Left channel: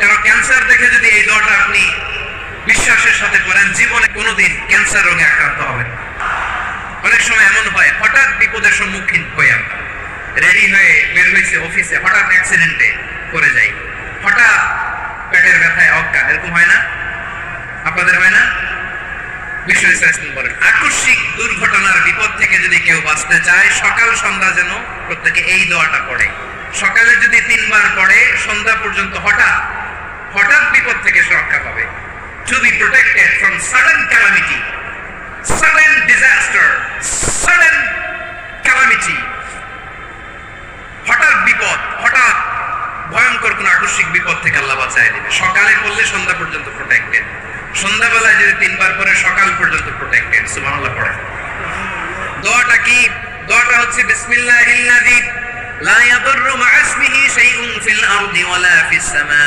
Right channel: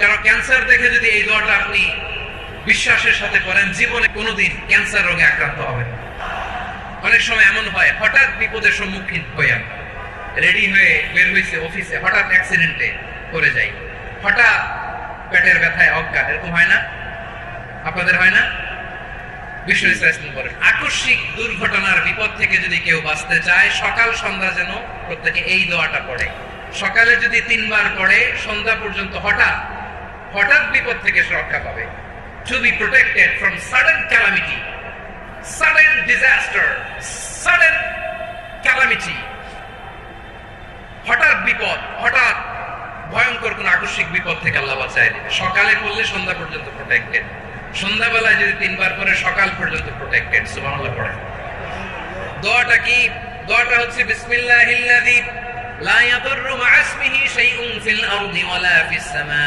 কারণ ক্যান্সার দেখে যদি এই দোয়াটা আপনি বিশ্বাসের সাথে করেন, জীবনে কোনোদিন ক্যান্সার রোগে আক্রান্ত হবেন। অনেক সময় এমন হয়, হঠাৎ বিপদের সম্মুখীন হয়ে আমরা রেডি হয়ে বের হয়েছে অফিসে, হঠাৎ অ্যাক্সিডেন্টে করে যাই, হঠাৎ পেটের ব্যথায় অজ্ঞান, এরকম হয় না? আপনাদের হয় না? বিশ্ব ইসলাম বলেন, আকস্মিক দুর্ঘটনার বিপদ থেকে যদি কেউ বাঁচতে চায়, সকাল সন্ধ্যা যেন প্রত্যেকে এই দোয়াটা পড়ে। সকালে যদি 3 বার পড়ে, সন্ধ্যা পর্যন্ত হঠাৎ বিপদ থেকে রক্ষা পাবে। To be protected from sudden calamity, sudden disaster, sudden calamity, হঠাৎ বিপদ, হঠাৎ ভয়ঙ্কর কোন আকস্মিক বিপদ থেকে আল্লাহ বাঁচায় দিবে। সকালে পড়লে সন্ধ্যা পর্যন্ত প্রোটেক্টেড, সন্ধ্যাবেলায় যদি 3 বার পরে সকাল পর্যন্ত প্রোটেক্টেড। সুবহানাল্লাহ পড়ে। দোয়াটা কি? দোয়াটা হচ্ছে বিসমিল্লাহিল্লাযী লা ইয়াদুররু মা ইসমিহি শাইউন ফিল আরদি ওয়ালা ফিস সামা।